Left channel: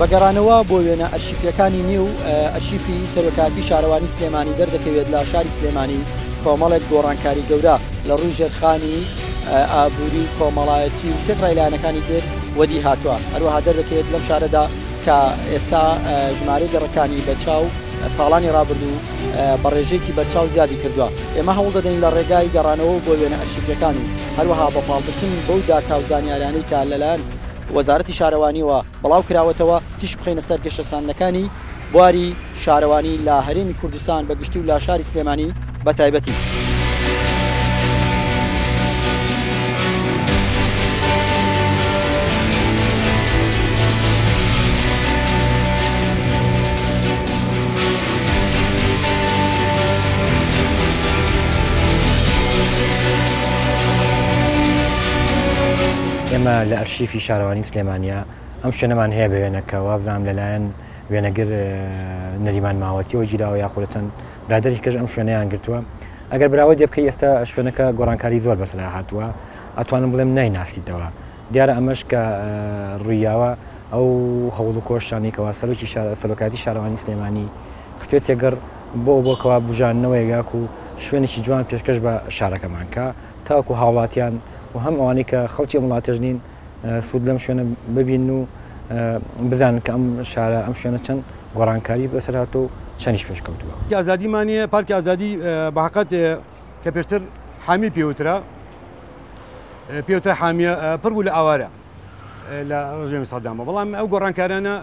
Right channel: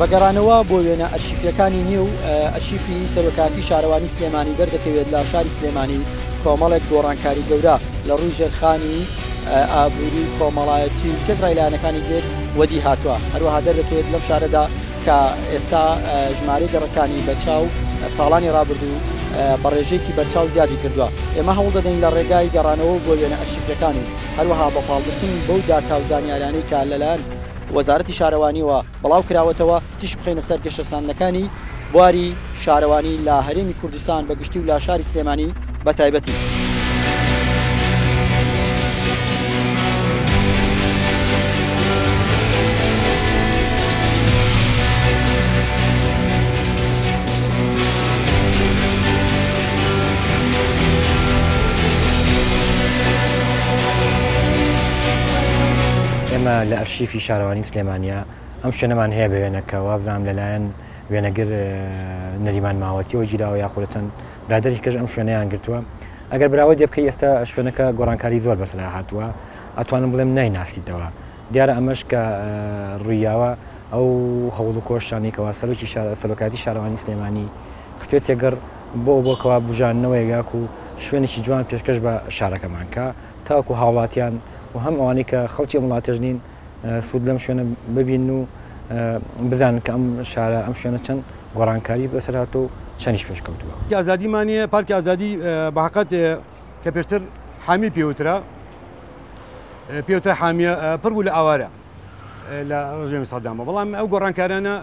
بەگەڕانەوە بۆ وێنە ئەرشیفیەکانی نێو ئەرشیفی سەرۆکاتی شارەوانی سلێمانی دەردەکەوێت لە شاری سلێمانی کۆمەڵێک گۆڕانکاری گەورە لە ڕووی ژێرخانی ئابووری و کۆمەڵایەتی و تێکڕای لایەنەکانی در وەدی هاتووە. هەروەها دەردەکەوێت لەم شارەدا کە ئێستا ژمارەی گەڕەکانی بەرچاو ساڵانی ڕابردوو بە ڕێژەیەکی بەرچاو زیادی کردووە. ئێمە هەوڵ دەدەین لە ڕێگای گەڕانەوە بۆ وێنە ئەرشیفیەکان و هەروەها بە پاڵپشتن بەو داتا و زانیاریانەی کە لەلایەن وەزارەتی شارەوانیەوە بڵاو کراوەتەوە تیش بخینە سەر گەشتەساندنەکانی بواری شارەوانی لە هەرێمی کوردستان بەگشتی و لە شاری سلێمانی بە تایبەتی. ئێمە لە ئەرشیفی شارەوانی سلێمانیا ئەم شوێنەمان هەیە بە وێنەکەەوە بزانام لەلایەن وێنەگر نەریمان ماوەتیەوە گیراوە یاخۆ چەند برادەری کەش ئەم شوێنەیان گرتووە. ئەگەر براوە دێ بکەی ئێستا شوێنەکە گۆڕانکاری زۆر بەسەلا هاتووە ئەتوانم بڵێم نایناسیتەوە. دیارە ئەمەش کە ڕوویاوە ئەو هەوڵ و کۆشتانێکەوە سەرۆکاتی شارەوانی سلێمانی خستوێت تێگەڕ بۆکەوە بژاننەوەی یاک و شوێنێکی جوان پێشکەش بە شارەکەمان کە تاوەکو هاوڵاتیان و هەم ئەوانەی کە خەڵکی وڵاتەش نین سوود لەم شوێنە ببین و بزانن کە ئەم شارە ئەم شوێنە چەند گۆڕانکاری بەسەر هاتۆ و چەندیش پێشکەوتووە. ئازادیمانە پارکی ئازادی بەحقەت کە پێشتر حامی پێوترا حامیە پڕ بوو لە ئاوارە لە ڕژێمی سەدامە، بەڵام ئەو گۆڕانکارانە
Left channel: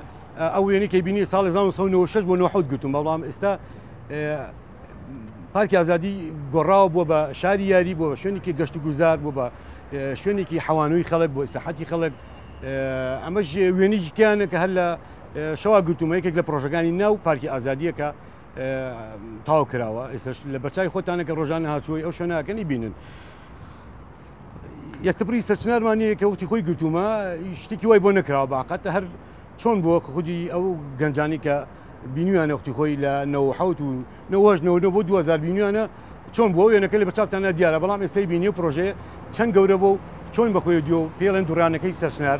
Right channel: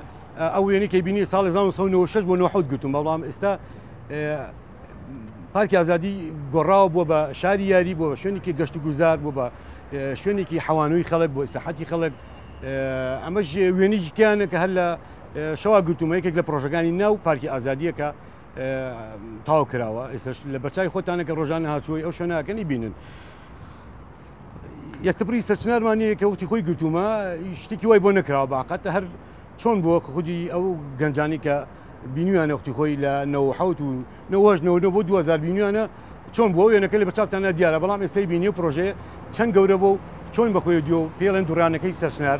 ئەو وێنەی کە بینی ساڵی 1996 بۆ 1970 گوتم، بەڵام ئێستا پارکی ئازادی گۆڕاوە بۆ بە شاری یاری بۆ شوێنێکی گەشت و گوزار بۆ بە شوێنێکی حەوانەوەی خەڵک بۆ ئیساحەتی خەڵک. ئەمەش وێنێکیانە کە هەر لە شەوا گرتومە یەکێک لە پرۆژەکانی ناو پارکی ئازادیە کە تاو کراوە. ئێستش لە بەرچای خۆتانە کە ڕۆژانە هاچووی ئەو شوێنەکەنی بینن. یەکتەبری سەرچنارمانەیە کە وەختی خۆی گرتومە شتێکی وای بۆ نەکراوە باقەتە هەر چۆن بۆ خودی ئەو گەنجانی کە بینیوانە وەختی خۆی لە 1970 و 1990 بۆ 2000 بینیوانە چۆن بۆ وێنەکە لە بەرچاوتانە دیارە، بەڵام ئێستای بینی و پرۆژێ چەند گەورە بۆ چۆن بەخۆی دیۆ پێڵێن دوورانەکەی سەرچنار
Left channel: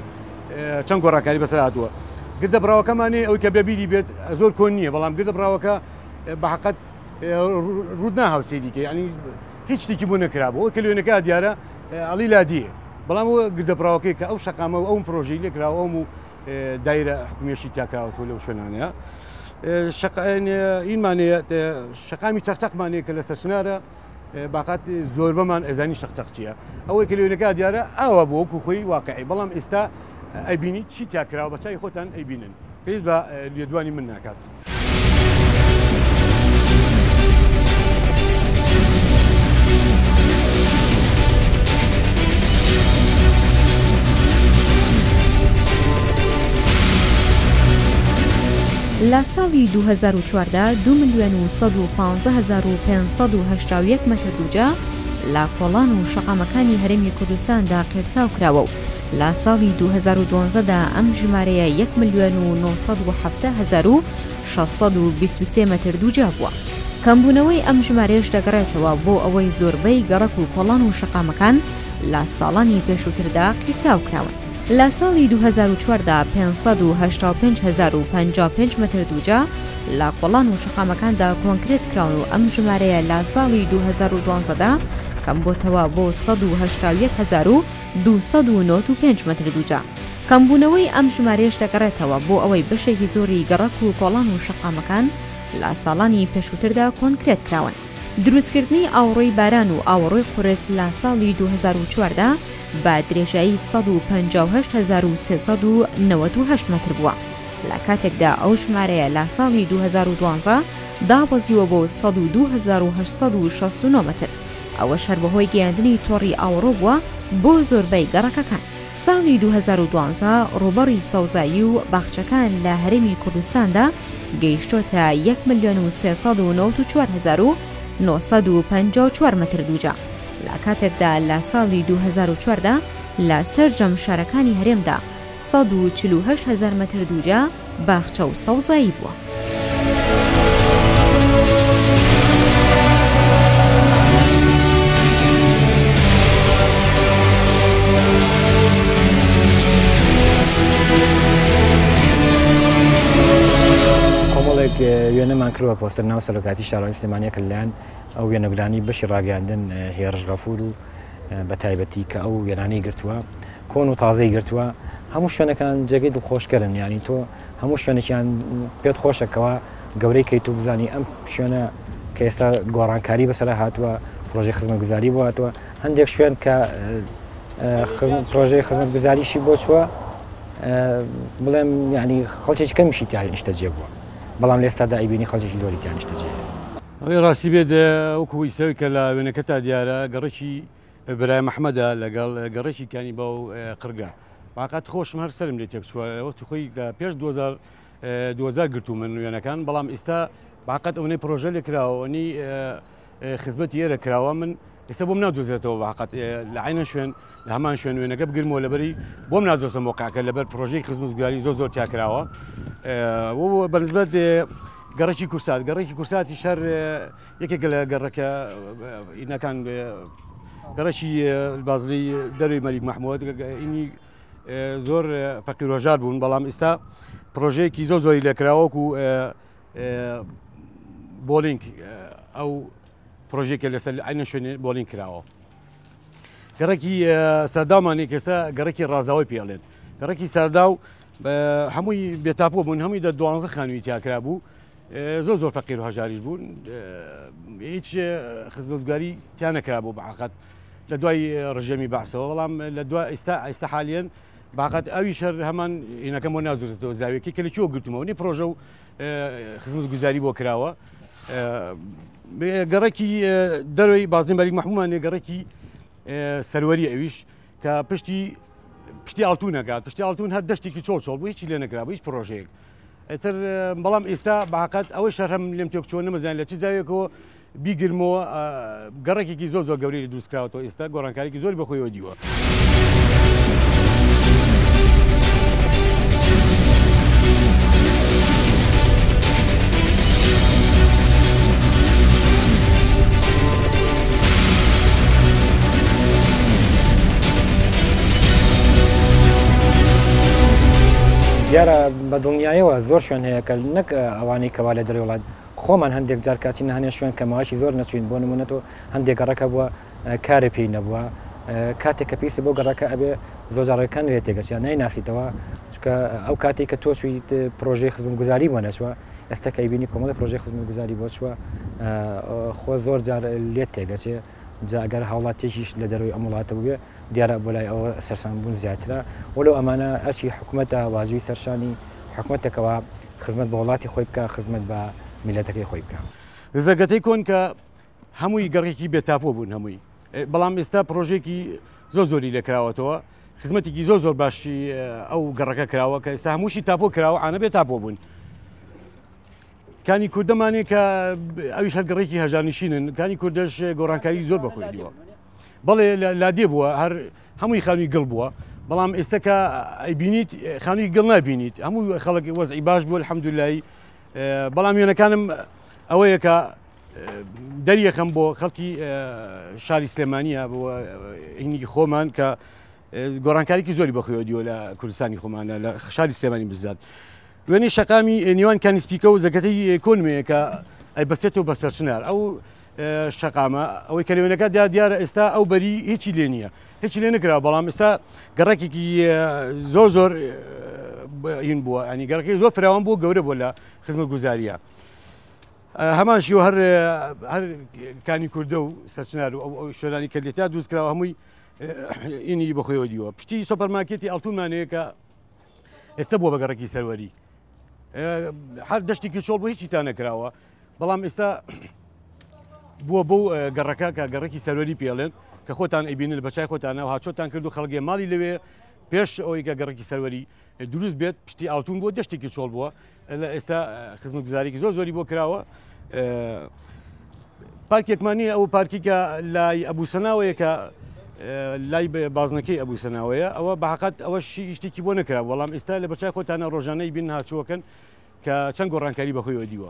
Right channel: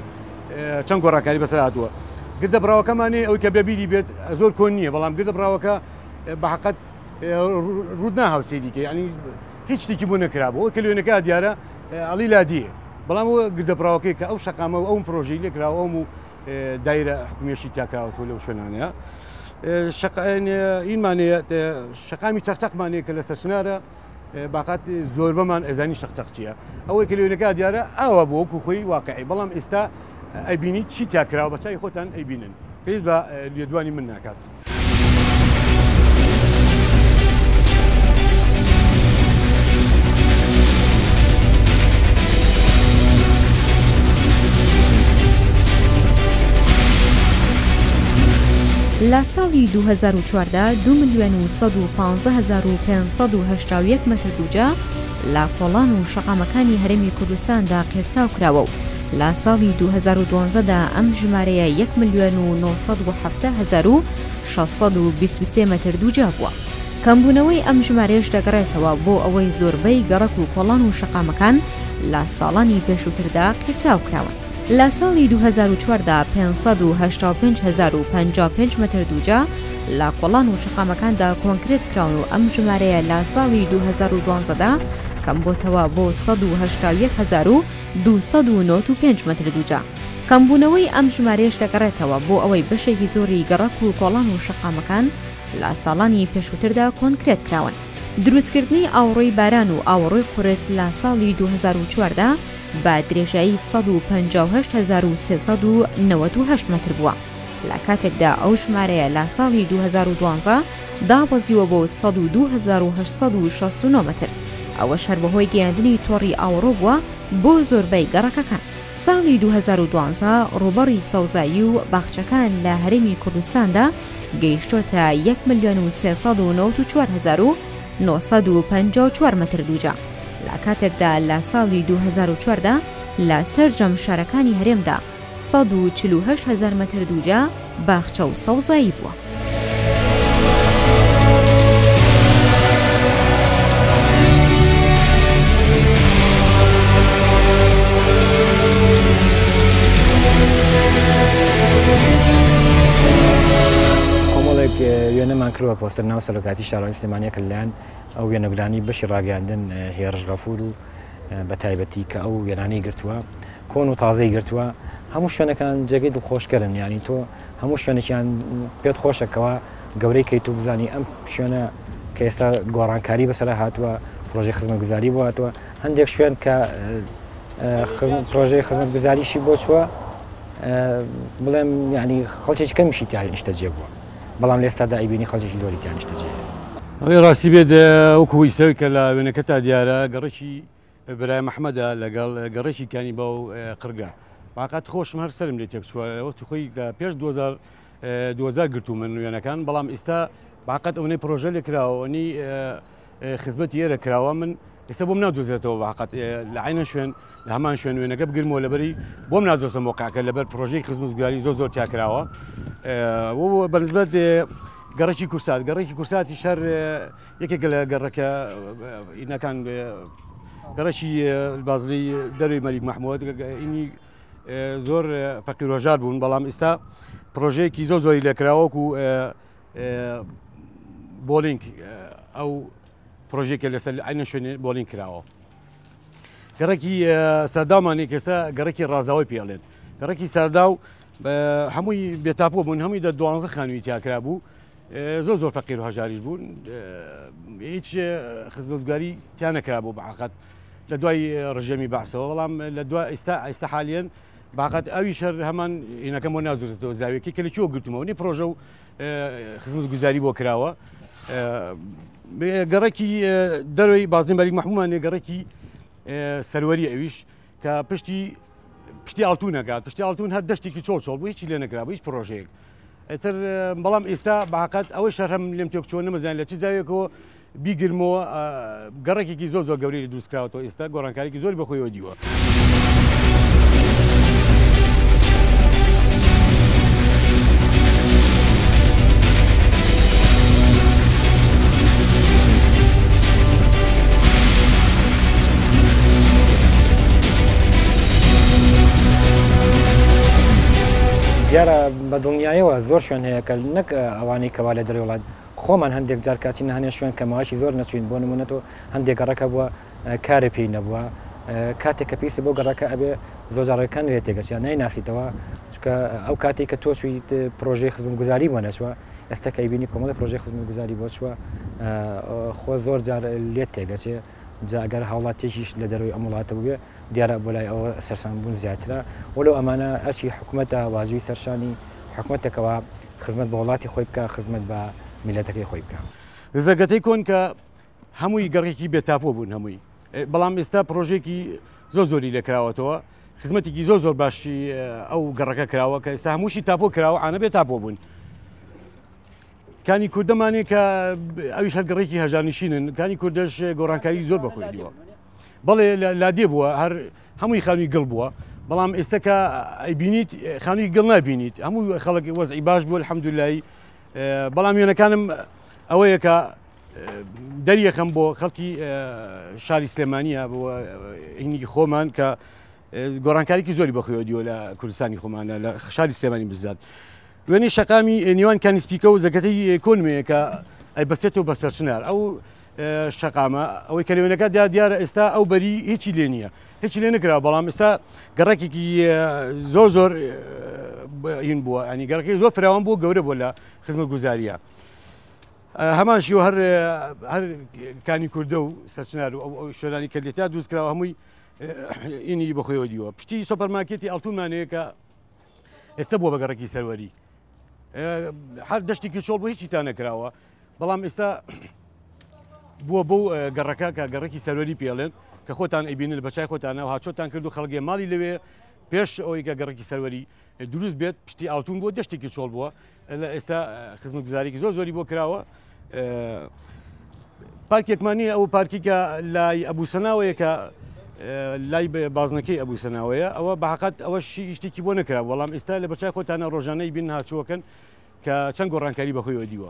چەند گۆڕانکاری بەسەر هاتووە. گردە براوەکەمانێ ئەوەی کە بەبیری بێت زۆر کۆن نییە، بەڵام گردە براوەکە بەحقەت ڕوود ناهاوسێریکە، ینی هیچ شتێکی بۆ نەکرابەوە ئەو کە لێنەکە دیارە ئەڵی لادیە، بەڵام ئەوە گردە براوەکەی کە ئەو شەقامە و ئەو پرۆژەی لێکراوە ئەم و دایرە حکومیەشی تاکراوەوە لەو شوێنانەیە. ئینمانەیە شەقامی چەقچەقمانەیە کە لە سەرچنارە باقات زۆر بەمان ئەزانی شەقچەق چییە، ئەوەی کە لێنەکە دیارە ئاوا بۆ وەکو خۆی واقعی، بەڵام ئێستا ئەیبینی چی تاکراوە بەچای خۆتان ئەیبینن، پێویست بە لێدوانی من ناکات. لە ساڵی 2014 2,115,581 مەتر دووجا لە کۆڵان و شەقامەکانی هەرێمی کوردستاندا قێرتاو کراوە و لە ساڵی 2012دا ئەم ژمارەیە 1,970,623 مەتر دووجا بووە. کەمبوونەوەی ئەم ژمارەیەش دەگەڕێتەوە بۆ ئەوەی زۆربەی گەڕەک و کۆڵان و شەقامەکان لە ساڵانی پێشووتردا قێرتاو کراون. لە ساڵی 2014 585,055 مەتر دووجا لە کۆڵان و شەقامەکاندا کۆنکرێت کراون و ئەم ژمارەیە لە ساڵی 2012دا کەم بۆتەوە بۆ 181,295 مەتر دووجا. کەمبوونەوەی ئەم ژمارەیەش دەگەڕێتەوە بۆ ئەوەی بەشێکی زۆری گەڕەک و کۆڵان و شەقامەکان لە ساڵانی پێشووتردا کۆنکرێت کراون. دروستکردنی ئاوڕۆی باران و ئاوڕۆی قورس لە ساڵی 2014 بە درێژایی 158,398 مەتر بووە. لە کاتێکدا ئەو ژمارەیە لە ساڵی 2012 دابەزیوە بۆ 102,869 مەتر. ئەوە شەر بەهۆی گەیاندنی تۆڕی ئاوڕۆ بووە بۆ زۆربەی گەڕەکەکان. ساڵی 2012 ڕوبەڕی سەوزایی و باخچەکان لە هەرێمی کوردستاندا گەیشتۆتە 1,394,954 مەتر دووجا. لە کاتێکدا لە ساڵی 2014 لە سەرجەم شارەکانی هەرێمدا 148,000 مەتر دووجا باخچە و سەوزایی بووە. وێنەمان کردوە پۆستەر ناو سەرۆکاتی شارەوانی سلێمانیەکە لەلایەن ئەو وێنەگرانی بەشی ڕاگەاندن هێرش غەفور و بە تایبەتی کە ئەو وێنانەی گرتووە کۆن و تازەی گرتووە هەموو شوێنەکان جێگەی دڵخۆشکردن ینی تۆ هەموو شوێنێکیان پێت خۆشەکەەوە گەورەی کەیت و بزانی ئەم شوێنە کە ئێستا گۆڕانکاری بەسەر هاتووە پرۆژەی خزمەتگوزاری بۆ هاتووە هەندێک شوێن کە پرۆژەی خزمەتگوزاریشی بۆ چووە بڵێم ینی خەڵکێکی کەمیشی تیان نیشتە جێ بووە بەڵام لە ئێستادا ئەیبینی خەڵکێکی زۆری تیان نیشتە جێ ئەوەی ڕاستی بێت وەکوی سەوی کە لە وێنەکە تا دیارە گەڕێکی برای محەممەدە لەگەڵ گەڕێکی کانی بە و قرگە باقات خۆشم هەر سرم لێ تێکچووە وەختی خۆی لە پێش 2000 گرتو من وێنەکان بەڵام ئێستا باقات ئەوەی پرۆژە لێ کراوەنی خزمەتی ئێرە کراوە من ئێستا بۆم نادۆزرێتەوە باقات لە عینە شوێن لە هەمان شوێن وێنەکە بگرمەوە لەبەری بۆم نادۆستە مۆقعکە لەبەر پرۆژەی خزمەتگوزاری زۆر تیاکراوە بەنسبەت گەڕێکی کورسات گەڕێکی کورساتی شەر یەکێک لە گەڕەکە ئینەکان گەڕەکی بازری دەروی مەلیک مەحموود ئینی زۆر فەقیر وەژار بوون بەڵام ئێستا پرۆژەیەکی زۆری لێکراوەکو بۆلینگ ئەو پرۆژێکە لەسەر عینە شوێنێ بۆلینگ کراوە گەڕێکی سەرداومانی کەسە گەڕێکی ڕازاوی پێڵێن گەڕێکی سەرداو هەمووی بێتاپۆ بوون هەمووی 12 خانووی تیاکرا بوو زۆر فەقیر و هەژاریش بوون هیچ خزمەتگوزاری تیان نەکرا بوو بەعقەت لە دوای ڕژێمی بەعسەوە بەڵام لە دوای ئێستا حالیان باقەت ئەوی شەر هەمان هینەکەم بۆ نازورێتەوە زاویەکەی کە لە چۆ گرتمەوە نی پرۆژە و خزمەتگوزاری بۆ کراوە گەڕێکی دەروی بازنی مەلیک مەحموودمان گەڕێکی سەروەری ئەویش کە پشتی ئاڵتوونەکات پشتی ئاڵتوون هەر دەشتێکی چۆڵ بوو هیچی لێ نەکرا بوو هیچ پرۆژەیەک ئەتر بەڵام ئێستا باقەت ئەوەی شەر هەم لێم تێکچۆ نەمەزان لە چ زاویەکەوە بیگرمەوە گەڕێکێکی زۆر گەورەی دروستکراوەوە ئێستا گۆڕانکاریی زۆری بەخۆیەوە دیوە. دیارە بە دڵنیایەوە زۆر شوێن هەیە کە نەک ئەوانەی کەوا لە دەرەوە وڵات خۆمان هەندێک جار کاتی هەنێ شوێن کە ماوەشی زۆر نەچوین بۆ نمونەتەوە هەندێک گەڕەکە بووە کارێ پێی نەبووە کاتێک کە پیسی بۆ گەڕەکە ئەبێ زۆر جارەکان لێ تێگەچیان نایناسیتەوە چکە ئەو کاتێک کە تۆ چوویت پرۆژەی خزمەتگوزاری بۆ نەچوە ئێستا کە ئەیبینی کۆمەڵی پرۆژەی خزمەتگوزاری بۆ چووە خۆ زۆر جار لێت تێگەچێ جا ئەگەر هاوڵاتێکیش لە دەروی ئەم وڵاتە بووێ دیارە بۆ لای ئەوە سەرسانبوون زیاترە وەلو ئەمانە ئەرچی حکوومەتە واژوی سەرشانی حکوومەتێکەوە خزمەت بە وڵاتی خۆی بکە خزمەت بە میلەتەکەی خۆی بکە زەگەتەی کۆن کە هەمووی گەڕێکی بێتاپۆ بوون هەمووی بەڵام ئێستا پرۆژێکی زۆری لێکراوەتەوە خزمەتێکی زۆر باشی ئەو گەڕەکە کراوە کە ئێستا هەمووشی تاپۆ کراوە ئانە بێ تاپۆ بوون کانی کوردەمانێ کە ئەویش هەر گەڕێکی هەژانشینن کانی کوردەش گۆڕانکاری زۆر بەخۆی دیوە بەڵێ لادێ بووە هەر هەمووی خانووی گڵ بووە بەڵام ئێستاکە ئەیبینیت خانووی گڵ نبینیت هەموو خەڵک وەزعی باش بوو الحەمدولای بەڵام وێنەکانم ئەوەیە کە دەریەکەم بۆ خەڵکی شاری سلێمانیە بۆ هینی خۆمان کە گۆڕانکاریی زۆری بەخۆیەوە دیوە لە کوردستانی خۆمانە لە شاری سلێمانی بزات وێنەی شەقامی نێوان کانیسپیکە و زەکەتەی کۆنمەیە کە ئەیبەسێتەوە بە سەرچنار ئەو شەقامە ئەوەی کە لەوێنەکە دیارە ئێستا ئەو بەری هیچی لێ نییە هیچی لێ نکرا بەڵام ئێستا گەڕێکێکی زۆر هین بووە ئەنی گەڕەکەی زۆر فراوان بوو گەورە بووە لە خزمەتگوزاریە هەمانشی و هەر کانی کوردە و سەرچنار و شوێنانی کە لێتا دروستکراوە هەمووی ئینی بەخۆیەوە دیوە پشتی سۆپەرمارکێتی ئەڵتوونمانەیە کە ئێستا بووە بە گەڕێکی سەروەری هەر دەشتێکی چۆڵ بۆ هیچی تا نەکراوە بەڵام ئێستا بووە بۆ گەڕەکە کە گەڕێکی سەروەری پێڵێن کە خۆتان ئەیبینن بەچای خۆتانە و هاچۆتان کرد و خەڵگێ ماڵی لەوێ پێش ئەوەی کە گەڕێکی سەروەری دروست بێت پشتی ئاڵتون بۆ دەشتێکی چۆڵ بووە لە ئێستا خزمەتگوزاریی زۆری بۆ کراوە پارکێکمانی ئەو پارکیکە لای ئەبوسەناوەیە کە لای بازنەکەی ئەبوسەناوەیە ئەوە بەحقەت ئەوە شتێکی بۆ نەکرا بەڵام ئێستا لە بەچای خۆتانە ڕۆژانەی بین هاچووەکەن کە چەند گۆڕانکاری بەخۆیەوە دیوە